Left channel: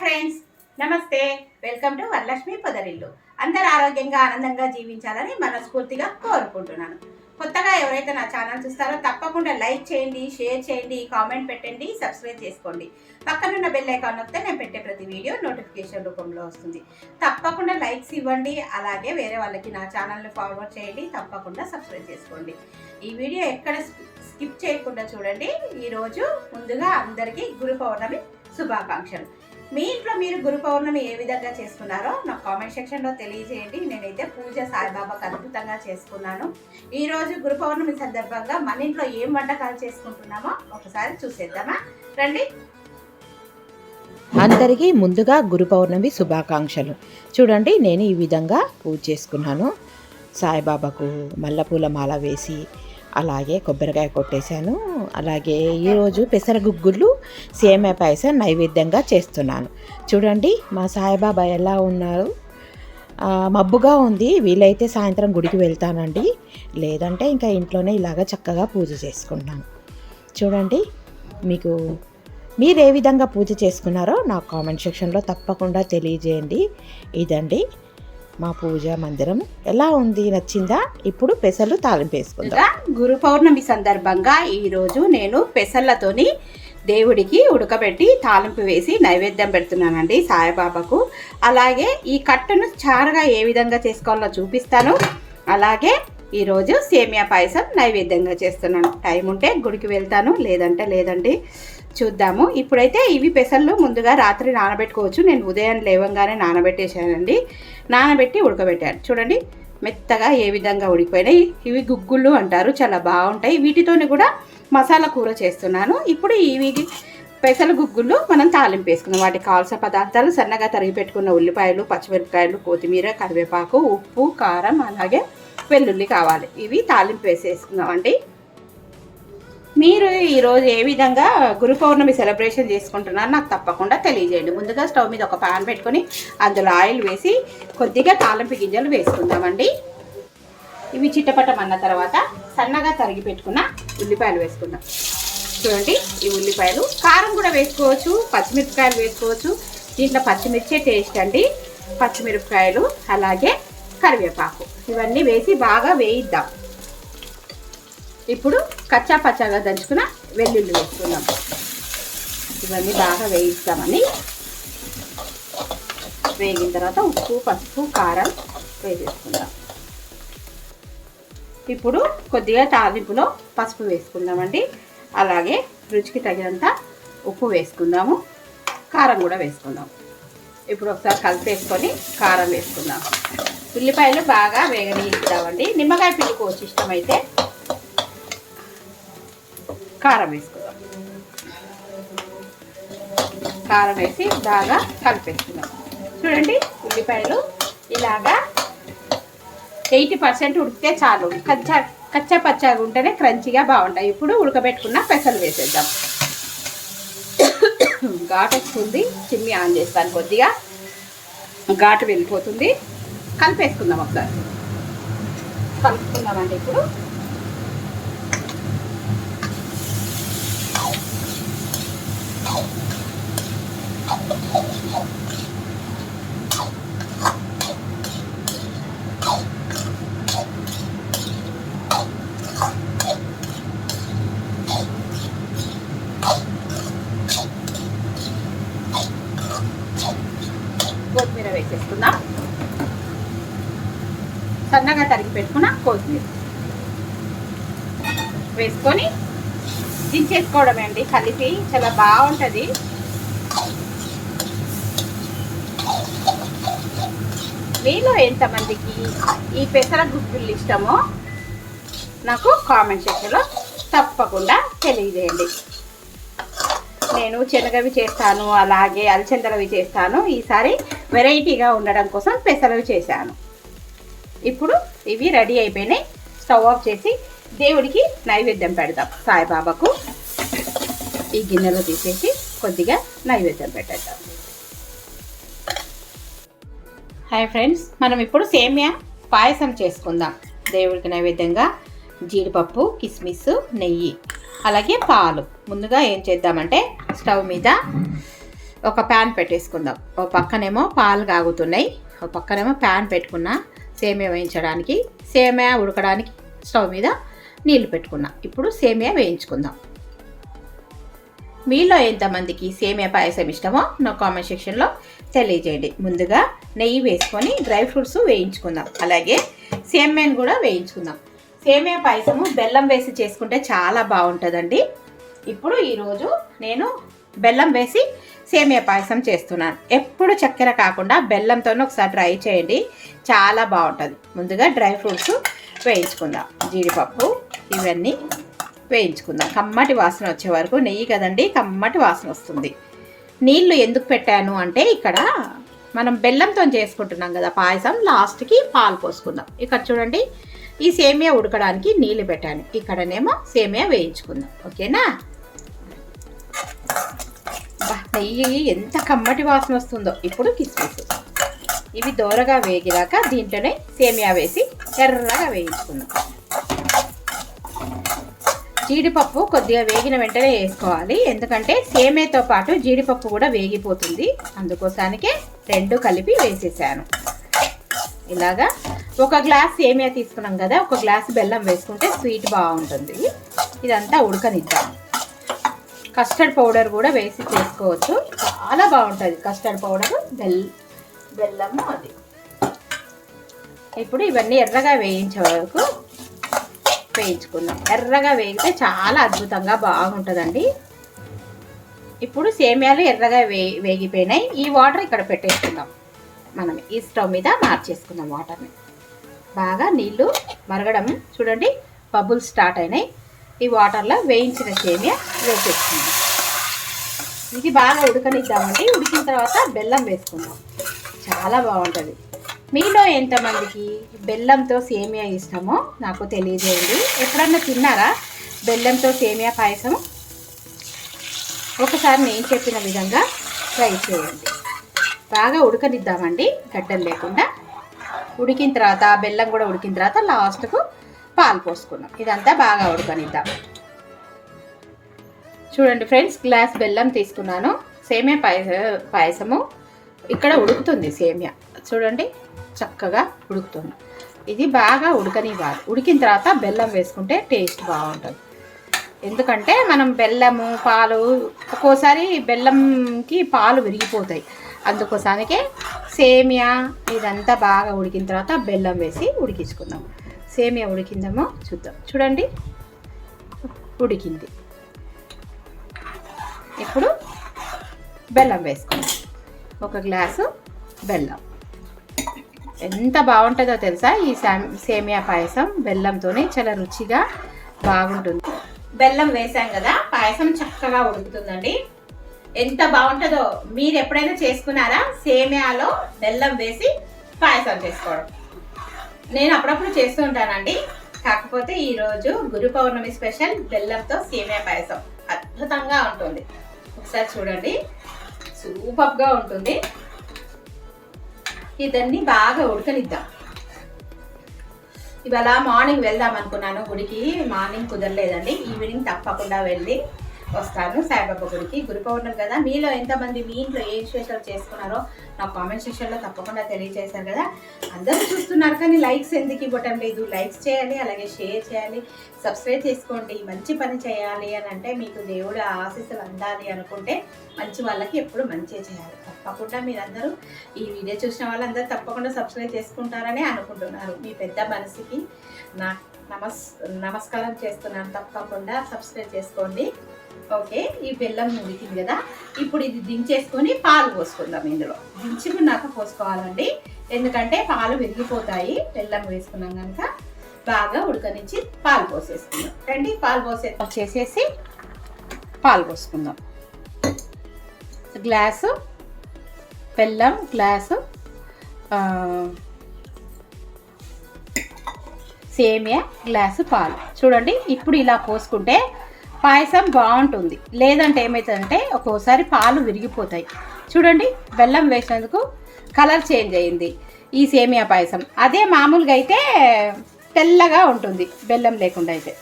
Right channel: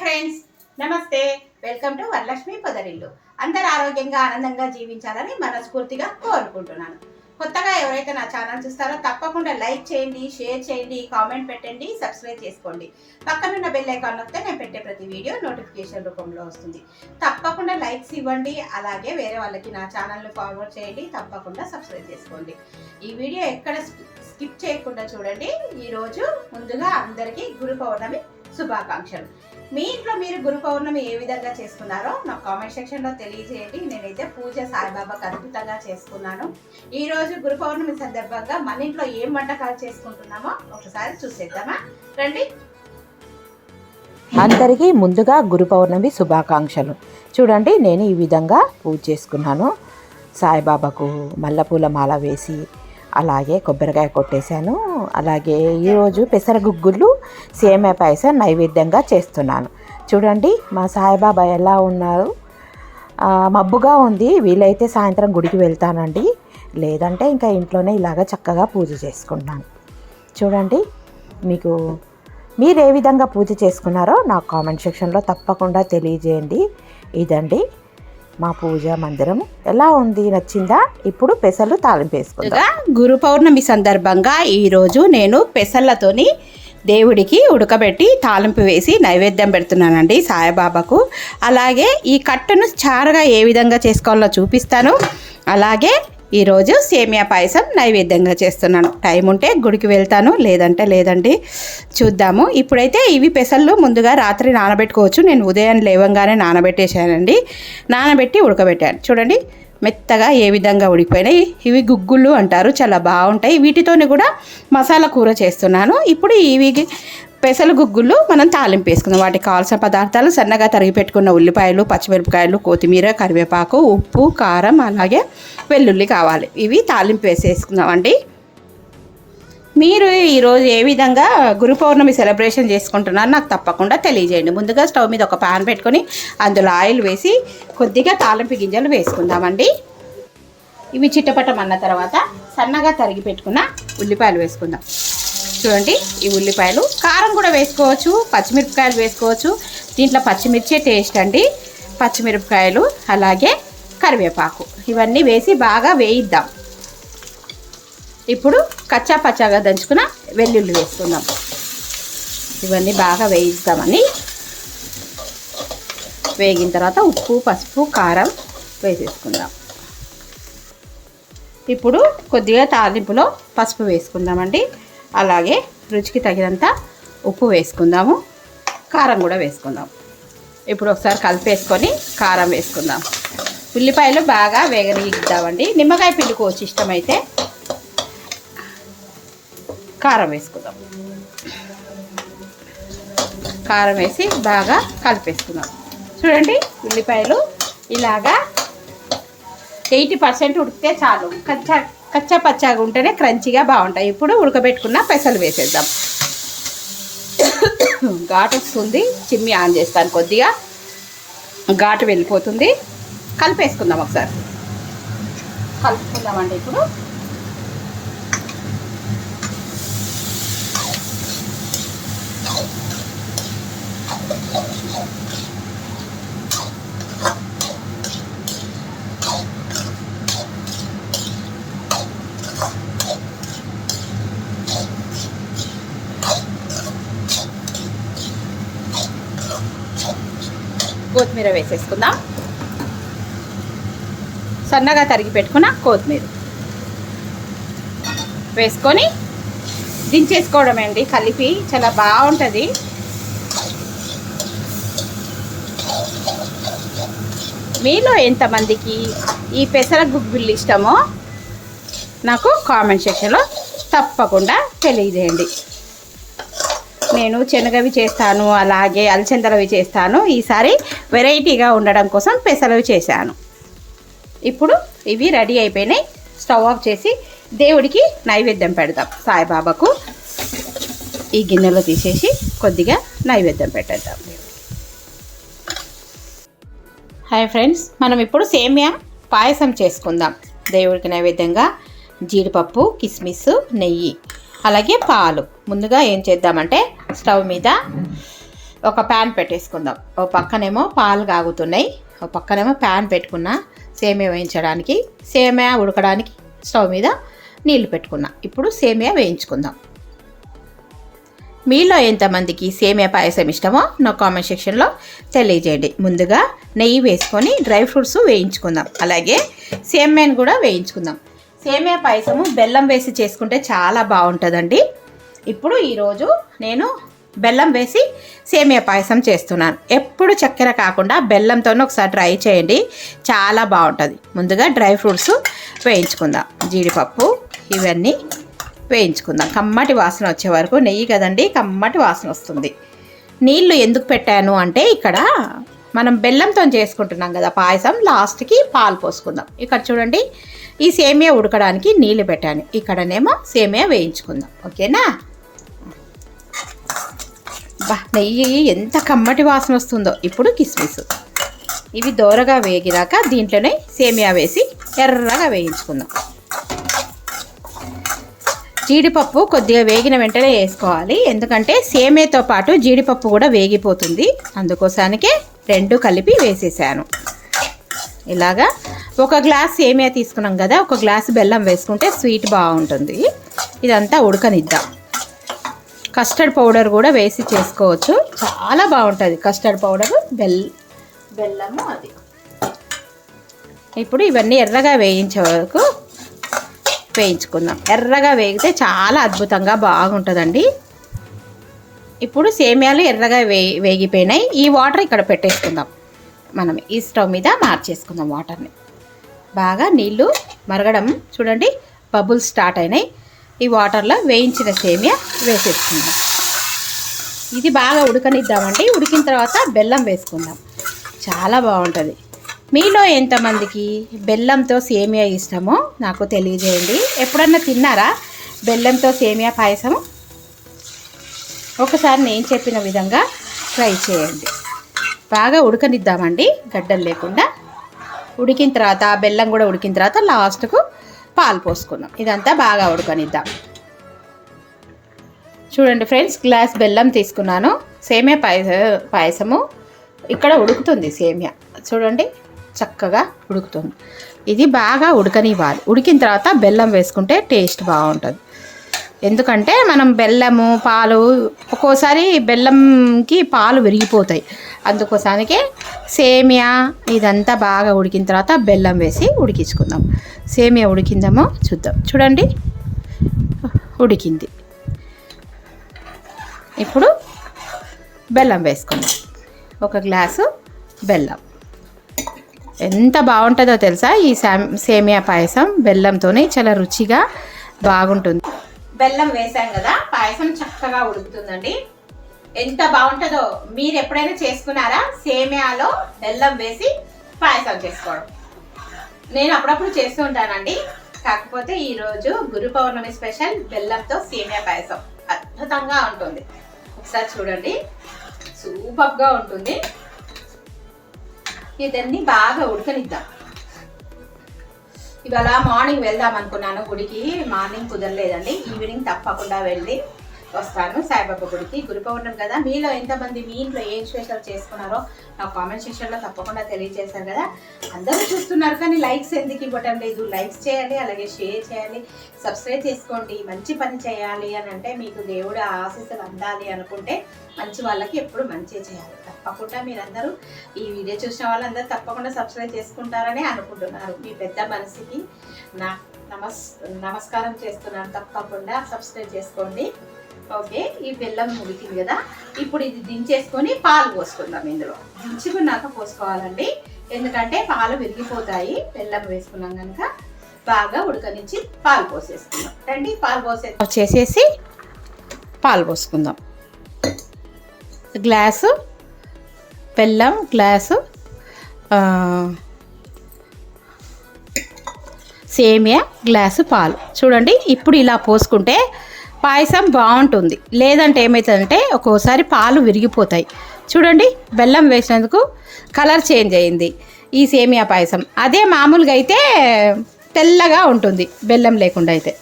Friends నమస్తే. Welcome to Varalakshmi Podarillu. అందరు ఆరోగ్యంగా ఆనందంగా జీవించాలని మనస్ఫూర్తిగా కోరుకుంటున్నాను. కొత్తగా ఎవరైతే నా ఛానల్ చూస్తారో తప్పకుండా లైక్ చేయండి షేర్ చేయండి కామెంట్ పెట్టండి సబ్స్క్రైబ్ చేసుకోండి. పక్కనున్న బెల్ ఐకాన్ నొక్కితే నేను పెట్టే ప్రతి వీడియో నోటిఫికేషన్ రూపంలో వస్తుంది. తప్పకుండా లైక్స్ ఇవ్వండి అలాగే వేరే వాళ్ళకి నా ఛానల్ని ఫార్వర్డ్ చేయండి తప్పకుండా సబ్స్క్రైబ్ చేసుకోండి. ఈ వీడియో ఎక్కడ స్కిప్ చేయకుండా చూడండి. ఈరోజు ముందుగా అందరికీ గురు పౌర్ణమి శుభాకాంక్షలు. మీ ఇంట్లో మీరు గురు పౌర్ణమి ఏ విధంగా చేసుకున్నారో నాకు కామెంట్ సెక్షన్లో తెలియజేయండి. నేనైతే పూజ సాయిబాబాకి అద్భుతంగా చేసుకున్నాను. ఈరోజు గురు పౌర్ణమి సందర్భంగా మన ఇంట్లో ఏం వంటకాలు చేసుకుంటున్నామో ఒకసారి చూసేద్దామా? రండి. అందరికీ ముందుగా గురు పౌర్ణమి శుభాకాంక్షలు. చూడండి నేను ఈ విధంగా పూజ చేసుకున్నాను. సాయిబాబాకు మల్లెపూల మాల వేసి అలాగే కొబ్బరికాయ కొట్టేశాను. అలాగే ఈరోజు పెసరగుగ్గులు సేమే పాయసం నైవేద్యంగా చేస్తున్నాను. చూడండి మా సాయిబాబా ఎలా ఉన్నారు? మబ్బుగా ఉంది. వీలైతే సాయంత్రం గుడికి వెళ్తానండి. లేదంటే ఇంకా ఇంట్లోనే ఇలాగ చక్కగా పూజ చేసుకుంటాను. చూడండి మీకు మీరు ఏ విధంగా పూజ చేసుకున్నారో నాకు కామెంట్ సెక్షన్లో తప్పకుండా తెలియజేయండి. ఇదండి మా పూజ మందిరం ఎలా ఉంది నచ్చిందా? ఇప్పుడు పెసలు తాలింపు వేసుకుందాం. గురు పౌర్ణమి సందర్భంగా ఈరోజు నేను పెసళ్ళతోని దేవుడికి ఉడకబెట్టి తాలింపు వేసి నైవేద్యం పెడుతున్నానండి సాయిబాబాకు. అలాగే ఈ కట్టను చారుగా ఏ విధంగా చేసుకోవాలో చూపిస్తాను. అలాగే ఈరోజు సేమియా పాయసం నైవేద్యంగా చేస్తున్నాను. టైం ఉంటే గుడికి వెళ్తాను లేదంటే లేదండి. చూద్దాము. ఇప్పుడైతే ఇవి పెసళ్ళు ముందుగా రాత్రి నానబెట్టుకోవచ్చు. నేను ఉదయం లేవంగానే నానబెట్టేశానండి. నానబెట్టి ఉడకబెట్టాను. చూడండి మెత్తగా ఏ విధంగా ఉడికిపోయినాయి. ఇవి గుగ్గుళ్ళు అంటారు. చాలా బాగుంటాయి. వీటితోనే కూడా మసాలా కూర చేస్తున్నాను. ఇప్పుడు ఇవి పెసలు గుగ్గులు మనం తాలింపు వేసుకుందాం. వాటికి కావాల్సిన పదార్థాలు సన్నగా తరిగి పెట్టుకున్న ఉల్లిపాయలు పచ్చిమిరపకాయలు కొత్తిమీర కరివేపాకు ఉప్పు కారం అలాగే వెల్లుల్లి కావాలి. ఇవి తాలింపు వేసేసుకుందామండి. మీరు ఈరోజు ఏ విధంగా గురు పౌర్ణమి సెలబ్రేషన్ చేసుకుంటున్నారో నాకు తప్పకుండా తెలియజేయండి. ముందుగా స్టవ్ మీద ఒక పాన్ పెట్టుకొని అందులో ఆయిల్ వేసి కొద్దిగా తాలింపు గింజలు వేసుకుందామండి. ఇవి చిట్టపటం అన్న తర్వాత సన్నగా తరిగి పెట్టుకున్న ఉల్లిపాయలు వేసుకుందాం. చూడండి ఈ ఉల్లిపాయలు. కారం కూడా వేసుకోవచ్చు పచ్చిమిరపకాయలు వేసుకోవచ్చు. దీంట్లో పచ్చిమిర్చే టేస్ట్ అండి. పచ్చిమిరపకాయలు అలాగే కరివేపాకు. ఇవన్నీ వేసి బాగా వేయిద్దాం. ఇప్పుడు కచ్చా పచ్చాగా దంచుకున్న వెల్లుల్లి వేసుకుందాం. ఇవన్నీ బాగా వేయిస్తామని. వేగిన తర్వాత ఉప్పు పసుపు కారం వేసేసుకుందాం. ఇప్పుడు కొద్దిగా తాలింపులో పసుపు వేసుకుందామండి. అలాగే రుచికి తగినంత ఉప్పు వేసుకుందాము కారం కూడా వేసుకుందాం ఇప్పుడు ఒకసారి కలిపేసుకొని కారం వేసుకుందాం. ఉల్లిపాయలు బాగా వేగనీద్దామండి నిమ్మకాయ పిండుకోవచ్చు ఇష్టమైతే కారం వేసుకుందాం. కారం వేసి బాగా కలిపేసుకుందాం. చూడండి ఉల్లిపాయలు ఇలాగా ఎయిటీ పర్సెంట్ ఉడికితే చాలు. కచ్చా కచ్చా పచ్చాగా ఉంటేనే క్రంచిగా బాగుంటాయి. ఇప్పుడు ఉడకబెట్టుకున్న పెసలు వేసేద్దాం. ఘాటు వస్తుంది. చిమ్మి ఆన్ చేస్తాను కొద్దిగా. ఘాటు వెళ్ళిపోతుంది. కలిపేసుకుందాం ఒకసారి. కలుపుకుందామండి ఇప్పుడు. కొత్తిమీర వేసేసుకుందాం. సన్నగా తరిగి పెట్టుకున్న కొత్తిమీర. వేసుకొని దించేసుకోవడం అండి కలిపి చాలా బాగుంటుంది. మీలో ఎంతమందికి ఈ పెసర గుగ్గులు ఇష్టమో నాకు కామెంట్ సెక్షన్లో తప్పకుండా తెలియజేయండి. నేను శనగవి చేస్తాను అలాగే అలచందలవి చేస్తాను. ఈసారి వెరైటీగా ఉండడం కోసం పెసలవి చేశాను. ఇప్పుడు ఇవి రెడీ అయిపోయినాయి. స్టవ్ ఆఫ్ చేసి దేవుడికి నైవేద్యం పెడదాం. సాయిబాబాకు ఈ గిన్నెలో తీసేసి కొద్దిగా నైవేద్యం పెట్టేద్దాం. హాయ్ ఫ్రెండ్స్ మనం ఇప్పుడు సేమియా పాయసం చేసుకుందాం. దేవుడికి నైవేద్యంగా జీడిపప్పు కిస్మిస్ నెయ్యి. అలాగే పాలు. ముందుగా ఏం చేద్దామంటే స్టవ్ మీద ఒక ప్యాన్ పెట్టేసుకుందాం. ఒక పక్కనేమో పాలు కాగుతున్నాయి. ఒక పక్కనేమో ప్యాన్ పెట్టుకున్నా సేమియా వేయించడానికి సేమియా ఉడకడానికి స్టవ్ మీద నీళ్ళు పెట్టుకున్నా. ఇప్పుడు సేమియా వేయించుకుందాం. మీలో ఎంతమందికి సేమియా పాయసం ఇష్టమో నా కామెంట్ సెక్షన్లో తెలియజేయండి. ముందుగా నెయ్యి వేసుకొని డ్రై ఫ్రూట్స్ వేయించుకుందాం. అలాగే సేమియాని కూడా వేయించుకుందాం. సేమియా పాయసము బెల్లం వేసి చేసుకుంటే చాలా బాగుంటుందండి. ఇప్పుడు ఈరోజు నేను బెల్లం వేసి సేమియా పాయసం చేస్తున్నాను. ఎప్పుడు చక్కెర కాకుండా బెల్లంతోనే ఒకసారి ట్రై చేయండి. చాలా బాగుంటుంది. ముందుగా డ్రై ఫ్రూట్స్ వేయించుకుందాం. జీడిపప్పు ఇవన్నీ వేయించుకుందాం. కమ్మటి వాసన వచ్చే వరకు నెయ్యి కదండి కమ్మటి వాసన వస్తుంది. నీళ్ళు ఎందుకు పెట్టాను అంటే ఇక్కడ మనం బెల్లంతో చేసుకుంటున్నాం కదా పాయసం లాస్ట్కి పాలు పోసుకుందాం. ఇక్కడ చూడండి ఈ సేమియా ఉడకడానికి నీళ్ళు పెట్టాను. ఇక్కడనేమో సేమియా వేయించుకుందాం. ఓకేనా? నెయ్యి ఎంత కమ్మటి వాసన వస్తుందో. ఇప్పుడు కిస్మిస్. ఇవి దోరగా వేగినాక దీంట్లోనే సేమియా వేసి ఎర్రగా వేయించుకుందాం. జీడిపప్పు కొద్దిగా వేగిన వెంటనే వేసుకోవాలి. ఎందుకంటే సేమియాతో పాటు జీడిపప్పు కూడా వేగిపోతుంది. అందుకోసానికే రెండు కలిపి వేసేసాను. ఇలాగా ఒక గ్లాస్ సేమియా తీసుకున్నాం కదా ఒక గ్లాస్ బెల్లం వేసుకుంటే స్వీట్ బాగుంటుంది. ఇదంతా ఉడకనిద్దాం. కస్టర్డ్ పౌడర్ కూడా వేసి చేసుకోవచ్చు. చాలా బాగుంటుంది కస్టర్డ్ పౌడర్ బెల్ బెల్లము అది. ఇప్పుడు ఇవన్నీ ఎర్రగా వేయించే వరకు వేయించుకుందాం. ఎర్రగా వేగితే చాలా అద్భుతంగా బాగుంటుందండి. ఇప్పుడు సేమియాలు ఎర్రగా వే వేగిపోయినాయి. ఈ వాటర్ ఇక్కడ పెట్టేసుకుందాం. మనం ఈ స్టవ్ మీద మార్చేసుకుందాం వాటర్ని. బాగా నీళ్ళు మరగడం చూడండి బబుల్స్ స్టార్ట్ అయినాయి. ఈ వాటర్లో వేయించిన సేమియా వేసేసుకుందాం. ఇది బాగా ఉడకనిద్దామండి. ఉడికిన తర్వాత బెల్లం వేసుకుందాం. చాలా బాగుంటుంది. మీలో ఎంతమందికి బెల్లంతో సేమియా ఇష్టమో నాకు తెలియజేయండి. ఎప్పుడన్నా తిన్నారా బెల్లంతో సేమియా పాయసం ఒకసారి నేను చెప్పిన విధంగా ట్రై చేయండి. బాగా ఉడకనిద్దామండి గడ్డలు లేకుండా. ఉడికిన తర్వాత బెల్లం కూడా ఉడికిన తర్వాత లాస్ట్కు పాలు పోసుకుందాం. ఇదంతా బాగా ఉడకనిద్దాం. చూడండి ఫ్రెండ్స్ గ్లాస్ బెల్లం తీసుకున్నాను. సేమియా పాయస పాయసము. ఇక్కడ ఉడుకుతుంది సేమియా. చూడండి చక్కగా ఉడుకుతుంది. ఇది బాగా ఉడకనివ్వాలి. ఉడికిన తర్వాత బెల్లం వేసుకుంటే టేస్ట్ బాగుంటుంది. ఎందుకంటే మనం బెల్లము పాలు ఒక్కోసారి బెల్లంకి పాలు విరిగిపోతాయి. అందుకోసానికి సేమియా ఇదంతా బాగా ఉడికిన తర్వాత బెల్లం వేసి ఉడికించుకుందాం. సేమియా ఉడికిందేమో చూద్దాం. చూడండి. ఉడికింది. ఇప్పుడు బెల్లం వేసుకుందాం. ఒక గ్లాసు బెల్లం. ఎంత బాగుంటుందో తెలుసా? ఈ సామ్- సేమియా పాయసం బెల్లంతోనే చాలా రుచిగా బాగుంటుంది. బెల్లం వేసాం కదా? పాయసం చక్కగా ఉడుకుతుందండి. ఎంత బాగుంటుందో మీరు ఎప్పుడైనా చేసుకున్నారా? సేమియాలో బెల్లం వేసి పాయసం చేసుకోవడం. నేను అప్పుడప్పుడు చేస్తూ ఉంటానండి. కాకపోతే ఈరోజు గురు పౌర్ణమి స్పెషల్ బెల్లంతో సేమియా పాయసం. అద్భుతంగా ఉంటుంది. ఒకసారి చూడండి. సూపర్గా ఉంటుంది. ఇదన్నీ బాగా ఉడకనిద్దాం. ఇవాళ మార్నింగ్ వెళ్దాం అనుకున్నాను. గుడికి మార్నింగ్ కుదరలేదండి. ఈవినింగ్ తప్పకుండా వెళ్ళి వస్తాను. సాయిబాబా గుడికి గురు పౌర్ణమి కదా. మీలో ఎంతమంది మీ ఇంట్లో ఏం స్పెషల్ చేసుకున్నారో నా కామెంట్ సెక్షన్లో తప్పకుండా తెలియజేశారు కదా. అందరూ చూస్తున్నారు కానీ లైక్స్ ఎందుకు ఇవ్వటం లేదు? లైక్స్ చేయాలి అలాగే షేర్ చేయాలి సబ్స్క్రైబ్ చేసుకోండి. మంచి పని చేయాలి అని అంటే మీకు దేవుడు ఆశీస్సులు అందాలి అనుకుంటే మంచి వాళ్ళకి ఎప్పుడు మంచి చేయాలి. తప్పకుండా మీరందరూ ఈ వీడియో చూసిన వాళ్ళందరూ తప్పకుండా సబ్స్క్రైబ్ చేసుకుంటారని అనుకుంటున్నారు. మీ పెద్ద మనసుకి నా నమస్ నమస్కారం చేస్తున్నాను. తప్పకుండా సబ్స్క్రైబ్ చేసుకోండి. ఓకే ఈ బెల్లం ఉడికింది కదా. ఇప్పుడు ఇది దించేసుకొని పాలు పోసుకుందాం ఇందులో. దించుకున్నాక పోసుకోవాలండి. ఎందుకంటే పాలు విరిగిపోతాయి. బెల్లం వేసుకున్నాం కనుక బాగా ఉడకనిచ్చి పాలు పోసేసుకుందాం. రండి పాలు పోసే చేసేసి పాలు పోసుకుందాం. గ్లాసు బెల్లం గ్లాసు సేమియా గ్లాసు పాలు. చూడండి ఇప్పుడు ఇలా పోసుకుంటే పాయసం బాగుంటుంది. లేదంటే ఏమవుతుందంటే ఒక్కోసారి పాలు విరిగిపోతాయి. చూడండి బెల్లం వేసినందుకు కలర్ చేంజ్ అయింది ఈ సేమియా పాయసం. అదే మామూలుగా అయితే తెల్లగా ఉంటుంది బెల్లం లేకుండా అయితే.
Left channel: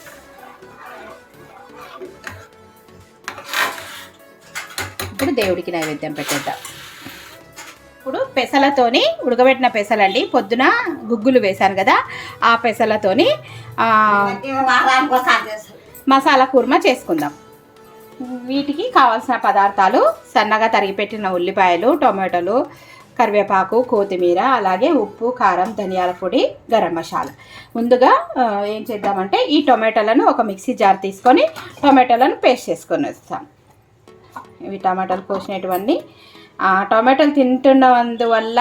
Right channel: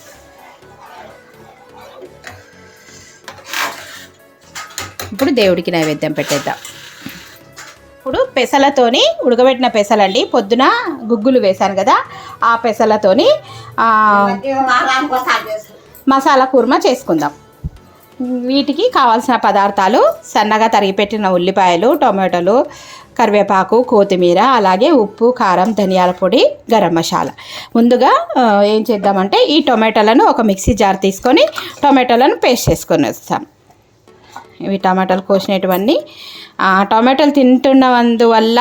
ఇప్పుడు దేవుడికి నైవేద్యం పెట్టేద్దాం. ఇప్పుడు పెసలతోని ఉడకబెట్టిన పెసలండి. పొద్దున గుగ్గులు వేశాను కదా ఆ పెసలతోని మసాలా కుర్మా చేసుకుందాం. వీటికి కావాల్సిన పదార్థాలు సన్నగా తరిగిపెట్టిన ఉల్లిపాయలు టొమాటోలు కరివేపాకు కొత్తిమీర అలాగే ఉప్పు కారం ధనియాల పొడి గరం మసాలా. ముందుగా ఏం చేద్దామంటే ఈ టొమాటోలను ఒక మిక్సీ జార్ తీసుకొని టొమాటోలను పేస్ట్ చేసుకొని వస్తాం. ఇవి టమాటాలు కోసినటువన్నీ. టమాటాలు తింటున్నందువల్ల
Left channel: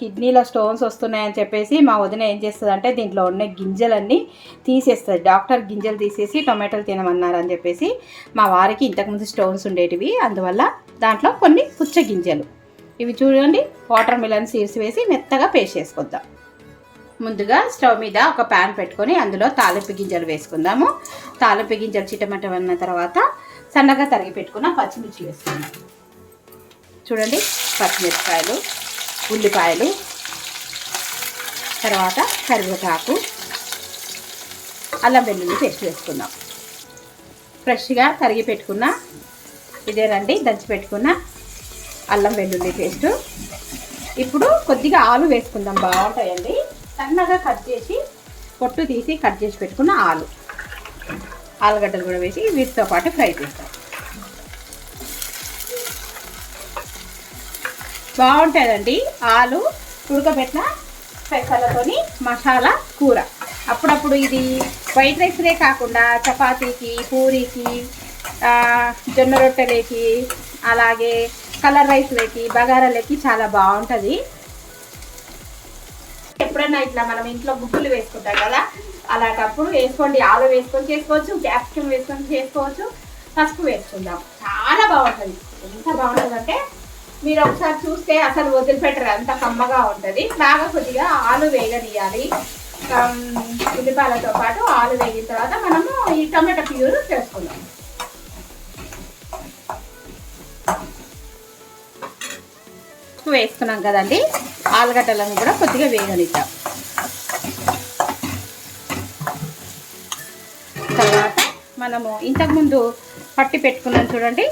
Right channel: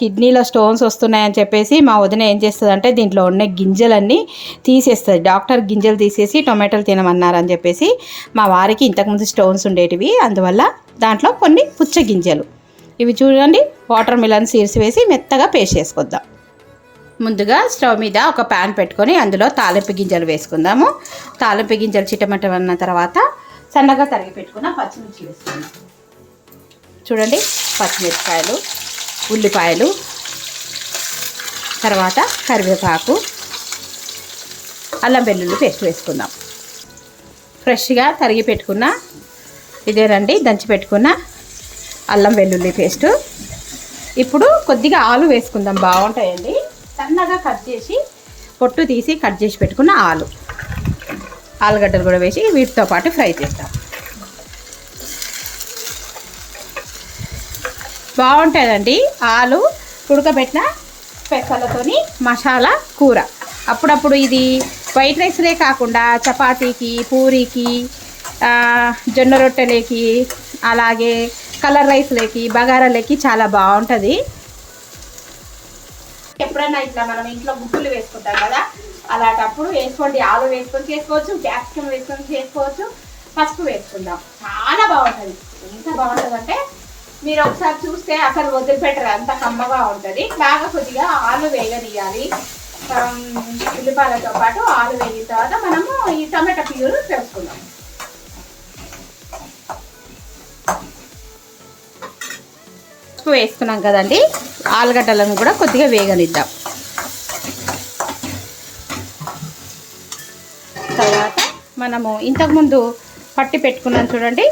కిడ్నీలో స్టోన్స్ వస్తున్నాయని చెప్పేసి మా వదిన ఏం చేస్తుందంటే దీంట్లో ఉన్న గింజలన్నీ తీసేస్తుంది. డాక్టర్ గింజలు తీసేసి టొమాటోలు తినమన్నారని చెప్పేసి మా వారికి ఇంతకుముందు స్టోన్స్ ఉండేటివి. అందువల్ల దాంట్లో కొన్ని పుచ్చ గింజలు. ఇవి చూడండి వాటర్ మిలన్ సీడ్స్ వేసి మెత్తగా పేస్ట్ చేసుకొద్దాం. ముందుగా స్టవ్ మీద ఒక ప్యాన్ పెట్టుకొని అందులో తాలింపు గింజలు వేసుకుందాము. తాలింపు గింజలు చిట్టమట్టమన్న తర్వాత సన్నగా తరిగి పెట్టుకున్న పచ్చిమిర్చి వేసుకుందాం చూడండి పచ్చిమిరపకాయలు ఉల్లిపాయలు తర్వాత కరివేపాకు అల్లం వెల్లుల్లి పేస్ట్ వేసుకుందాం. ఫ్రెష్గా తరిగి పెట్టుకున్న ఇదేనండి దంచి పెట్టుకున్న అల్లం వెల్లుల్లి పేస్ట్. ఇప్పుడు కొద్దిగా ఆలు వేసుకుందాం బాగుంటాయండి. సన్నగా కట్ చేసి పొట్టు తీసి కట్ చేసి పెట్టుకున్న ఆలు. ఆలుగడ్డలు కూడా వేసి వీటితో పాటు ఫ్రై చేస్తాం. బాగుంటుందండి ఆలు ఉడకబెట్టిన పెసలతోని మసాలా కూర. అప్పుడప్పుడు ఇది వైట్ రైస్లే కాకుండా చపాతీకి పూరీకి జొన్న రొట్టెలేకి అలాగే కలర్ రైస్లేకి బగారాలకి చాలా బాగుంటుంది. ఎప్పుడైనా ఇట్లా మనం ఇంట్లో గుడ్డులు వేసుకుంటాం కదా అలాంటప్పుడు వేసుకోండి. ఆలు వేసుకొని చేసుకోవచ్చు క్యాప్సికమ్ వేసుకొని చేసుకోవచ్చు. పసుపు వేసుకుందాం. చాలా బాగుంటుంది. ఎంత బాగుంటుంది అంటే మీరు ఒకసారి చూస్తే అసలు వదిలిపెట్టరు. అంత కమ్మగా ఉంటుంది. బాగా కొద్దిగా ఆలు వేగనీయాలి ఉల్లిపాయలతో పాటు ఆలు వేగిన తర్వాత మనము ఈ టమాటా ప్యూర్ వేసుకుందాం. వేసుకున్నాం కదండి. ఆలుగడ్డలను కూడా కొద్దిగా వేగనిద్దాం. తర్వాత మనము ఇంతకుముందు పట్టి పెట్టుకున్నాం చూడండి.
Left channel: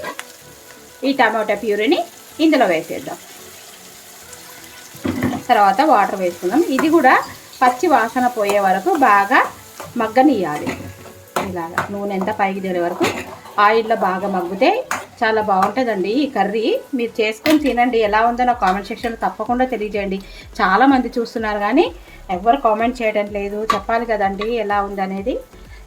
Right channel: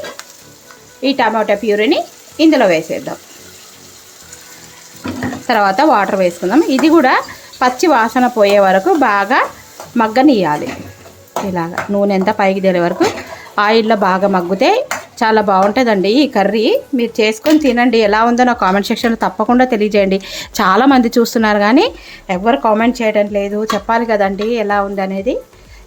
ఈ టమాటా ప్యూరీని ఇందులో వేసేద్దాం. తర్వాత వాటర్ వేసుకుందాం. ఇది కూడా పచ్చి వాసన పోయే వరకు బాగా మగ్గనియాలి ఇలాగా నూనె ఎంత పైకి తేలే వరకు ఆయిల్లో బాగా మగ్గితే చాలా బాగుంటుందండి. ఈ కర్రీ మీరు చేసుకొని తినండి. ఎలా ఉందో నా కామెంట్ సెక్షన్లో తప్పకుండా తెలియజేయండి. చాలామంది చూస్తున్నారు కానీ ఎవరు కామెంట్ చేయడం లేదు. చెప్పాలి కదండి ఎలా ఉందనేది.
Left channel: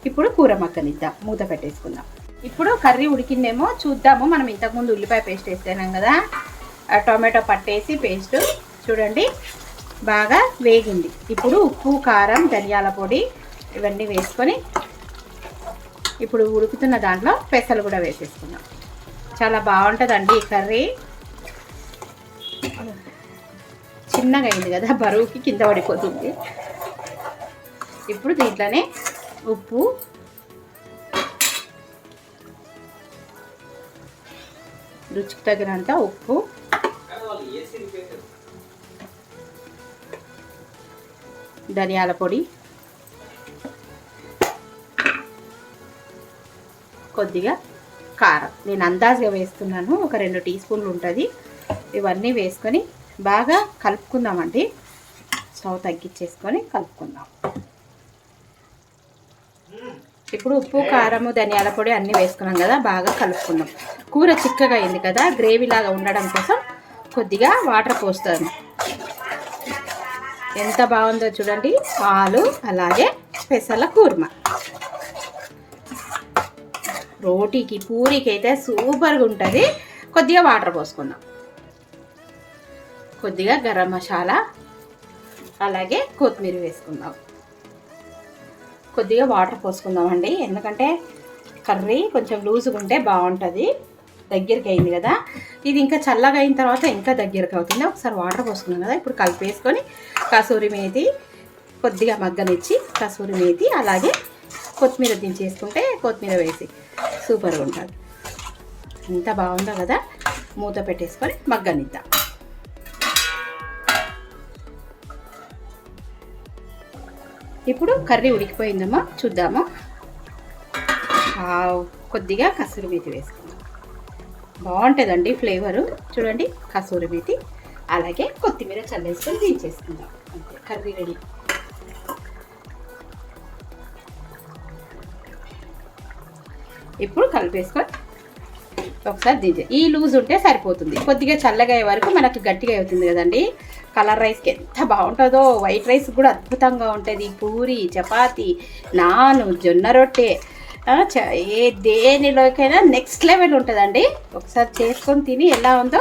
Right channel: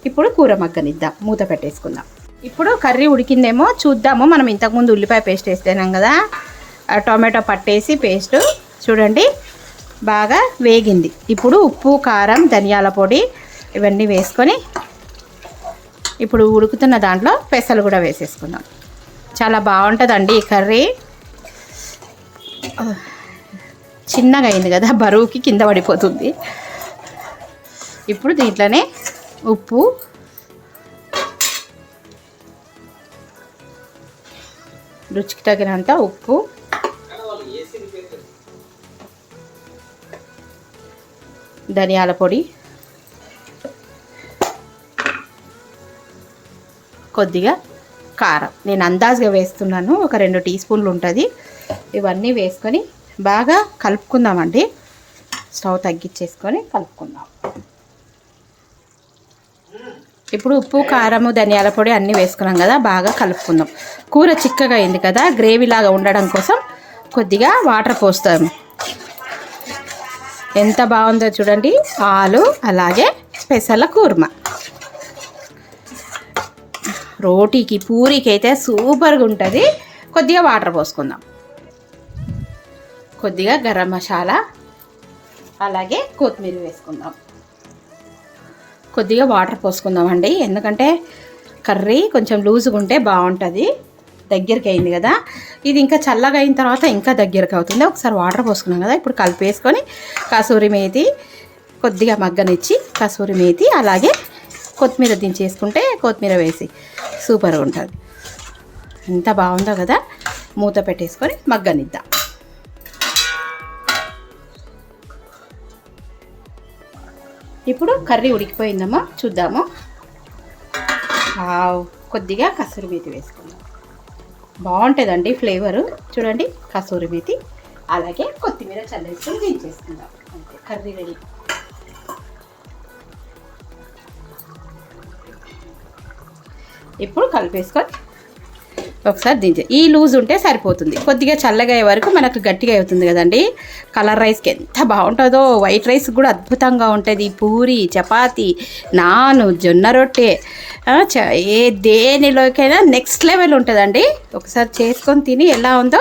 ఇప్పుడు కూర మగ్గనిద్దాం. మూత పెట్టేసుకుందాం. ఇప్పుడు కర్రీ ఉడికిందేమో చూద్దాము. మనం ఇంతకుముందు ఉల్లిపాయ పేస్ట్ వేస్తేనాం కదా? ఆ టొమాటో పట్టేసి పేస్ట్ చూడండి బాగా వేగింది. ఇప్పుడు ఉప్పు కారం ధనియాల పొడి ఇవన్నీ వేసుకొని ఇప్పుడు ఉడుకుతున్న దాంట్లో పెసలు కూడా వేసేసుకుందాం. చాలా బాగుంటుందండి ఈ కర్రీ. చిన్నగా అయింది కదా బరువుకి కింద పడిపోతుంది. ఇప్పుడు దీంట్లోనే ఉప్పు. రుచికి తగినంత ఉప్పు. ధనియాల పొడి. కొద్దిగా కారం. నేను అందాజుగా వేస్తున్నాను. ఒక రెండు టీ స్పూన్లు ఉంటుంది. ఇవన్నీ వేసుకొని బాగా కలుపుకుందామండి. స్టవ్ తగ్గించేసుకొని కలుపుకుందాం. ఇప్పుడు ఉప్పు కారము ధనియాల పొడి అన్నీ వేసుకున్నాం కదా బాగా కలుపుకుందాం. కూర చిక్కగా అయింది కదా గ్రేవీ లాగా ఉండడం కోసం కొద్దిగా వాటర్ పోస్తాము ఎంత బాగుందో చూడండి పాలు అలాగే పెసల కూర్మ. రోటీకి పూరికి అయితే సూపర్గా ఉంటుంది. కొద్దిగా వాటర్ పోసుకుందాం. కొద్దిగా గరం మసాలా అలాగే కొత్తిమీర వేసుకుందాం. కొద్దిగా వాటర్ పోసుకుందామండి. ఎందుకంటే కర్రీ కొంచెం లూజ్గా ఉంటే బాగుంటుంది. దగ్గరికి అయింది కదా. ఇది ఇంకా చల్లగా అయిన తర్వాత ఇంకా దగ్గరికి అవుతుంది. ఒకసారి వాటర్ పోసుకున్నాం కదా. ఇప్పుడు కలిపేసుకొని కసూరి మేతి కొద్దిగా మగ్గనిచ్చి కసూరి మేతి అలాగే కొత్తిమీర దించేసుకుంటే కొత్తిమీర వేసి సూపర్గా ఉంటుంది. ఎంత బాగుందో కదా. మూత పెట్టేసుకొని మగ్గనిద్దాం. ఇప్పుడు కర్రీ ఉడికిపోయిందమ్మా చూద్దాము. కొద్దిగా కసూరి మేతి వేసుకుందాం. బాగుంటుందండి ఫ్లేవరు. చూడండి కసూరి మేతి అలాగే కొత్తిమీర చల్లేసుకొని దించేసుకుందాం. అంతే కర్రీ రెడీ. ఇప్పుడు కలిపేసుకొని ఒకసారి దించే ఈ లూజ్ ఉంటే సరిపోతుంది. కొద్దిగా చల్లగా అయ్యే వరకు మనకు గట్టిగా అవుతుంది కదండి. కలర్ రైస్కి ఎంత బాగుంటుందో. వైట్ రైస్ కూడా అద్భుతంగా ఉంటుంది. పూరి చపాతి నాను జొన్న రొట్టె. చ- ఏ దేనిలోకైనా నెక్స్ట్ లెవెల్ ఉంటుందండి. ఒకసారి చేసుకొని తిని ఎలా ఉందో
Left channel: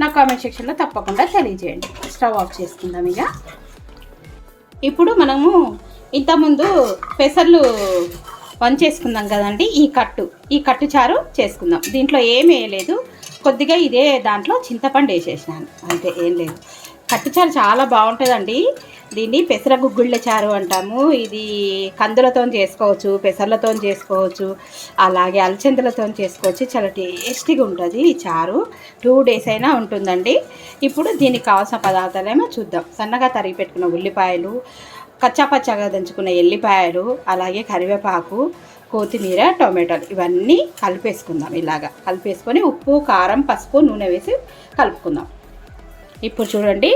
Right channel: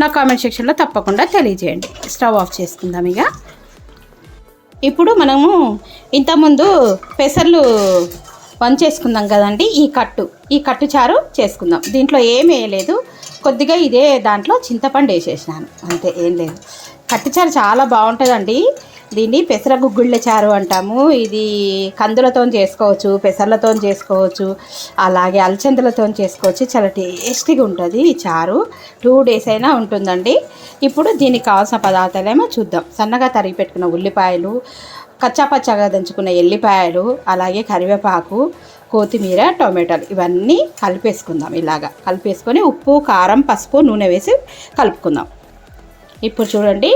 నా కామెంట్ సెక్షన్లో తప్పకుండా తెలియజేయండి. స్టవ్ ఆఫ్ చేసుకుందాం ఇక. ఇప్పుడు మనము ఇంతకుముందు పెసర్లు వంచేసుకుందాం కదండి ఈ కట్టు. ఈ కట్టు చారు చేసుకుందాం. దీంట్లో ఏం వేయలేదు. కొద్దిగా ఇదే దాంట్లో చింతపండు వేసేసినాను. అంతే ఏం లేదు. కట్టు చారు చాలా బాగుంటుందండి. దీన్ని పెసర గుగ్గుళ్ళ చారు అంటాము. ఇది కందులతో చేసుకోవచ్చు పెసర్లతో చేసుకోవచ్చు అలాగే అలచందులతో చేసుకోవచ్చు. చాలా టేస్టీగా ఉంటుంది ఈ చారు. టూ డేస్ అయినా ఉంటుందండి. ఇప్పుడు దీనికి కావాల్సిన పదార్థాలేమో చూద్దాం. సన్నగా తరిగి పెట్టుకున్న ఉల్లిపాయలు కచ్చాపచ్చాగా దంచుకున్న ఎల్లిపాయలు అలాగే కరివేపాకు కొత్తిమీర టొమాటోలు ఇవన్నీ కలిపేసుకుందాం ఇలాగా. కలిపేసుకొని ఉప్పు కారం పసుపు నూనె వేసి కలుపుకుందాం. ఇప్పుడు చూడండి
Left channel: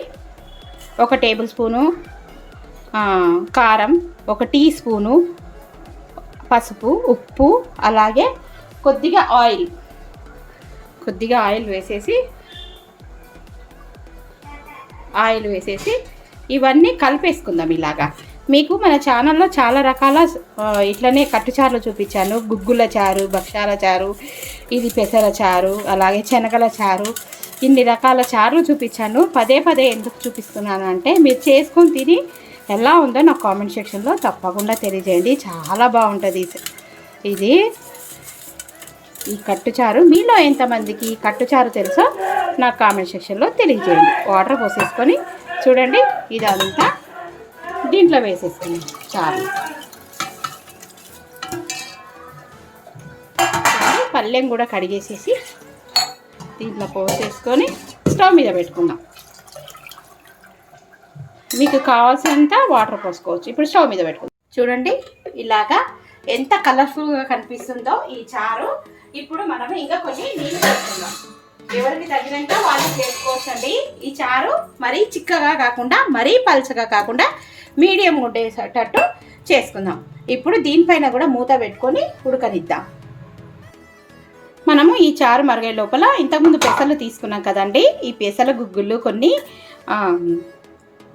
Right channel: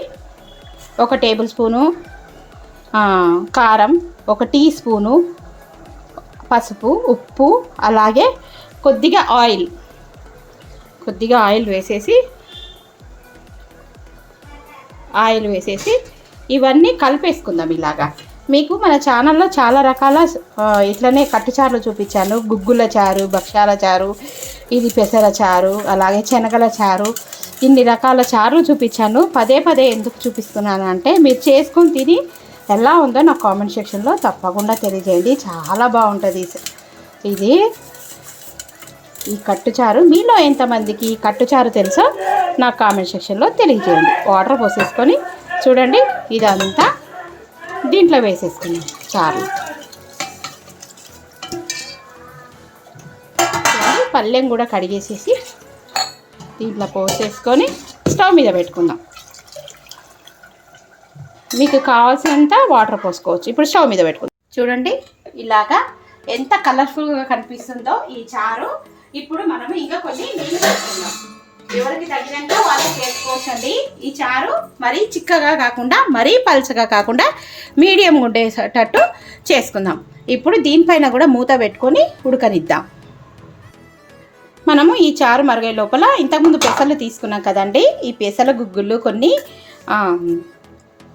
ఒక టేబుల్ స్పూను కారం ఒక టీ స్పూను పసుపు ఉప్పు అలాగే కొద్దిగా ఆయిల్. కొద్దిగా ఆయిల్ వేసేసి ఆయిల్ వేసేసి ఇవన్నీ కలిపేసుకుందాం ఇలాగా. మీకు మన ఛానల్లో చాలా రకాల ఇట్లనే కట్టుచారులు చూపించాను. గుగ్గుల చారు భక్షాల చారు ఇది పెసర చారు అలాగే శనగల చారు ఇన్ని రకాల చారులు చూపించాను. పదే పదే ఎందుకు చూపిస్తున్నాను అంటే మీరు చేసుకొని తిని ఎలా ఉందో నా కామెంట్ సెక్షన్లో తప్పకుండా తెలియజేయండి. చాలా బాగుంటుంది ఇది. ఈ కట్టుచారు మీలో ఎంతమందికి ఈ కట్టుచారు తెలుసో నా కామెంట్ సెక్షన్లో తెలియజేయండి. వాటర్ పోసేసుకొని చూడండి ఇదంతా దీంట్లో వేసేసుకున్నాం చారు చూడండి, పళ్ళెం కూడా కడిగేసేసి దీంట్లో పోసేసుకొని స్టవ్ మీద పెట్టుకుందాం. మీకు కావాల్సినంత వాటర్ పోసుకోవచ్చు ఇప్పుడు స్టవ్ మీద పెట్టుకుందాం. చూడండి ఇలాగా ఎంత కలర్ఫుల్గా కనిపిస్తుందో ఈ చారు. ఇప్పుడు మనం ఇంకా కొన్ని నీళ్ళు పెట్టుకుందాం ఎవరికి తగినంత వాళ్ళు చేసుకోవచ్చు అండి ఈ చారు మరీ చిక్కగా కాకుండా మరీ పల్చగా కాకుండా మీడియం ఉండేటట్టు చేసుకుందాం. ఇప్పుడు దీనిపైన కూడా మూత పెట్టుకొని ఉడకనిద్దాం. మనము ఈ చారు మరిగే లోపల ఇంతకుముందు పెసలు తీసుకున్నాం కదండి. ఈ పెసల గుగ్గులు కొన్ని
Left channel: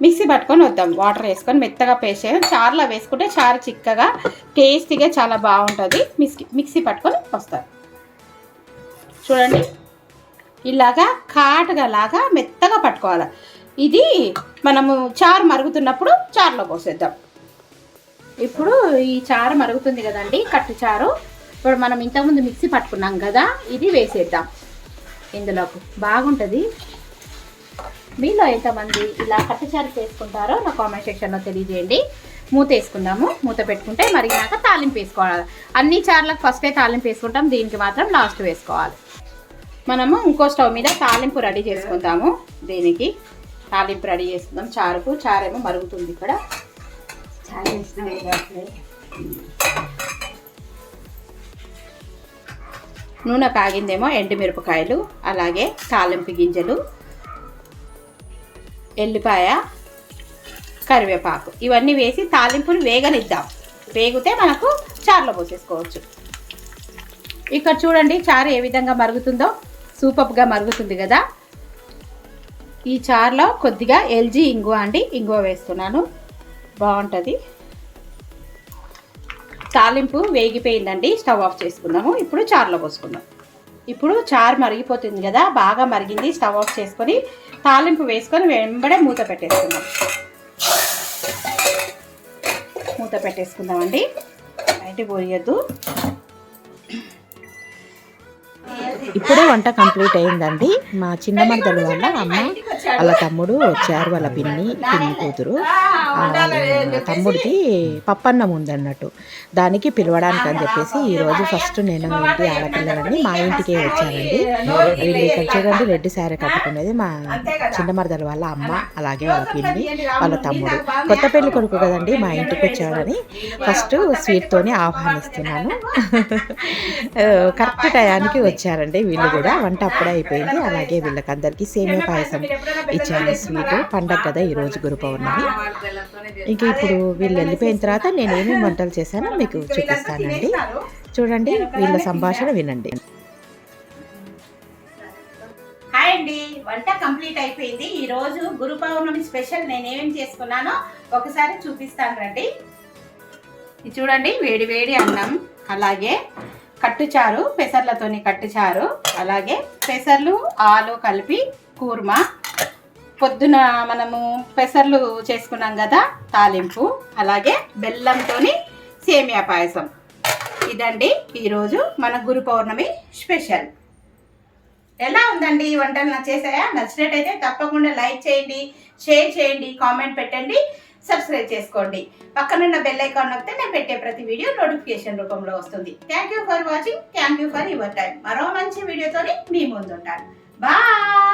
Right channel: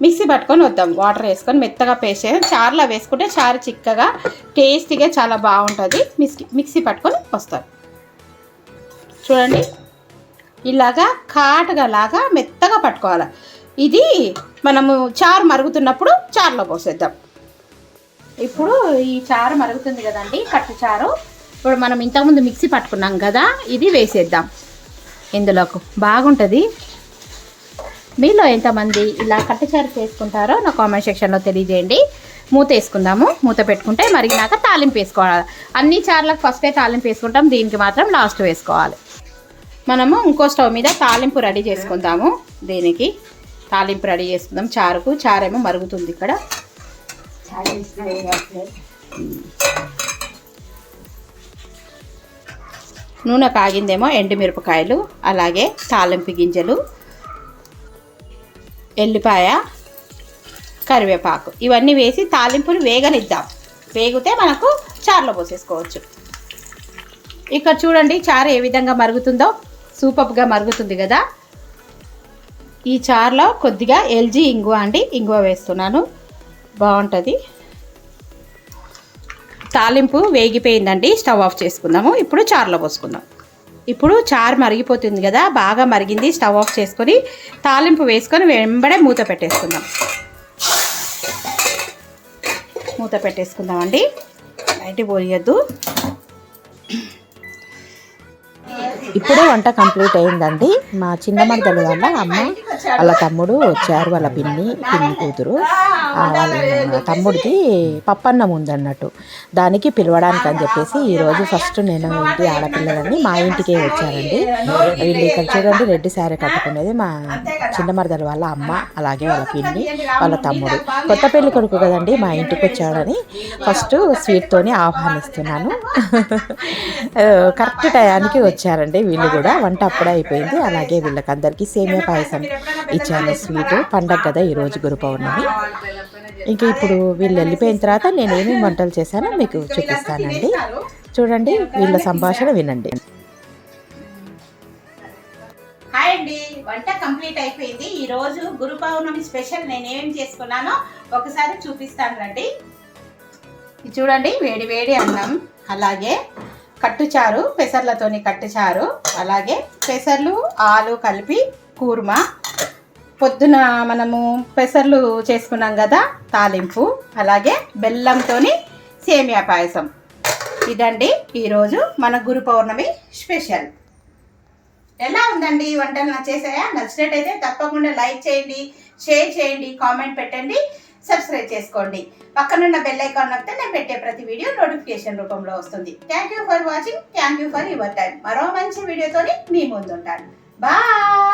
మిక్సీ పట్టుకొని వద్దాం. వాటర్ వేసుకొని మెత్తగా పేస్ట్ చేసి చారులో వేసుకుంటే చారు చిక్కగా టేస్టీగా చాలా బాగుంటుంది. మిక్సీ మిక్సీ పట్టుకొని వస్తారు చూడండి. ఇలాగా కాటుగా లాగా మెత్తగా పట్టుకోవాలి. ఇది మనము చారు మరుగుతున్నప్పుడు చారులో పోసేద్దాం. ఇప్పుడు ఈ చారు మరుగుతుంది కదండి కట్టు చారు. ఇప్పుడు మనం ఇంతకుముందు మిక్సీ పట్టుకున్నాం కదా ఇది వేసేద్దాం. ఇందులోకి బాగుంటుంది. మీలో ఎంతమంది ఇలా కట్టుచారు చేసుకుంటారో నా కామెంట్ సెక్షన్లో తెలియజేయండి. మూత వేసుకుందాము. మూత పెట్టుకుంటే మరిగినాక తాలింపు వేసుకోవాలి. అన్ని చార్లకు ఫస్టే తాలింపు వేసుకుంటాం దీనికి మాత్రం లాస్ట్ వేసుకోవాలి. మనము ఇంకో స్టవ్ మీద తాలింపు రెడీ చేసుకుందాము. దీనికి తాలింపు రెడీ చేసుకుందాం. చారుకు చారేమో మరుగుతుంది ఇక్కడ. నూనె కాగిందేమో ఎండుమిరపకాయలు అలాగే తాలింపు గింజలు ఎల్లిపాయ కరివేపాకు. ఇవన్నీ వేసి తాలింపును వేగనిద్దాం. వేగితే మనకు చారులో పోసేసుకోవచ్చు. ఇక్కడ చూడండి చారు ఏ విధంగా మరుగుతుందో. సూపర్గా మరుగుతుంది కదా. ఈ చార్లో కొద్దిగా ఎల్జీ ఇంగువ అండి. ఇంగువ వేస్తున్నాను. బాగుంటుంది. తాలింపు వేగిపోయిందండి. స్టవ్ ఆఫ్ చేసుకుందాము. ఇప్పుడు చార్లో పోసుకుందాం. ఇప్పుడు చారు మరిగిపోతుంది కదా. బాగా మరిగింది. స్టవ్ ఆఫ్ చేసుకొని తాలింపు వేసుకొని వెంబడే మూత పెట్టేసుకుందాం. మూత పెట్టేసుకుందామండి. బయట పోయొద్దు. ఇప్పుడే వంట కంప్లీట్ అయిందండి. మా చిన్న మరదలు వాళ్ళ అమ్మ వాళ్ళ తమ్ముడు వచ్చారు వాళ్ళ పిన్ని పిన్ని కూతురు. వాళ్ళ తమ్ముడికి పప్పన్నం ఉందన్నట్టు. దానికి పిలవడానికి అని చెప్పేసి ఈరోజు ఫస్ట్ నేను ఇంటి ఆడపిల్లలని మా ఇంటికే వచ్చారండి వీళ్ళు ఇక్కడ చూడండి రెడ్డి శారీ కట్టుకునేది మా చిన్న మరదలు వాళ్ళ అమ్మ అలాగే వాళ్ళ పిన్ని వాళ్ళ తమ్ముడు. కొత్త పెళ్ళి కొడుకు కదండి మా ఇంటికి వచ్చాడని ఫస్ట్ స్వీట్తోనే ఆహ్వానిస్తున్నాను. కరెక్ట్ టయానికి వచ్చారండి. వీళ్ళు కూడా వంట అప్పుడే అయిపోయింది. అలాగే వీళ్ళకందరికీ సేమియా పాయసం ఇచ్చాను స్వీట్. పండగ కదా ఈరోజు గురు పౌర్ణమి ఇంకా ఇప్పుడు వీళ్ళు వెళ్ళిపోయిన తర్వాత నేను ఏమేమి వంటలు చేశానో మీకు చూపిస్తానండి. చూడండి వీళ్ళ సంభాషణ వినండి. హాయ్ అండి. వంట కంప్లీట్ అయిపోయింది. ఈ రోజు గురు పౌర్ణమి స్పెషల్ నేను ఏమేం చేసుకున్నానో ఒకసారి చూపిస్తాను రండి. చూడండి వేడి వేడి అన్నం. అలాగే కట్టుచారు పెసర్లతోని కట్టుచారు. అలాగే పెసర్లు ఆలు కలిపి కూర్మా. పొద్దున మనము పెసర్లు చేసుకున్నాం కదా తాలింపు. అలాగే బెల్లంతోని సేమియా పాయసం. ఇదండి ఈరోజు మన గురు పౌర్ణమి స్పెషల్. ఎలా ఉందండి ఈ వంటలు? నచ్చేసాయా నచ్చినట్టయితే తప్పకుండా లైక్ చేయండి షేర్ చేయండి కామెంట్ పెట్టండి. సబ్స్క్రైబ్ చేసుకోండి. పక్కనున్న బెల్ ఐకాన్ నొక్కితే నేను పెట్టే ప్రతి వీడియో నోటిఫికేషన్ రూపంలో వస్తుంది. Thank you for watching thank you for your time మరో మంచి వీడియోతోని మీ ముందుంటాను. బాయ్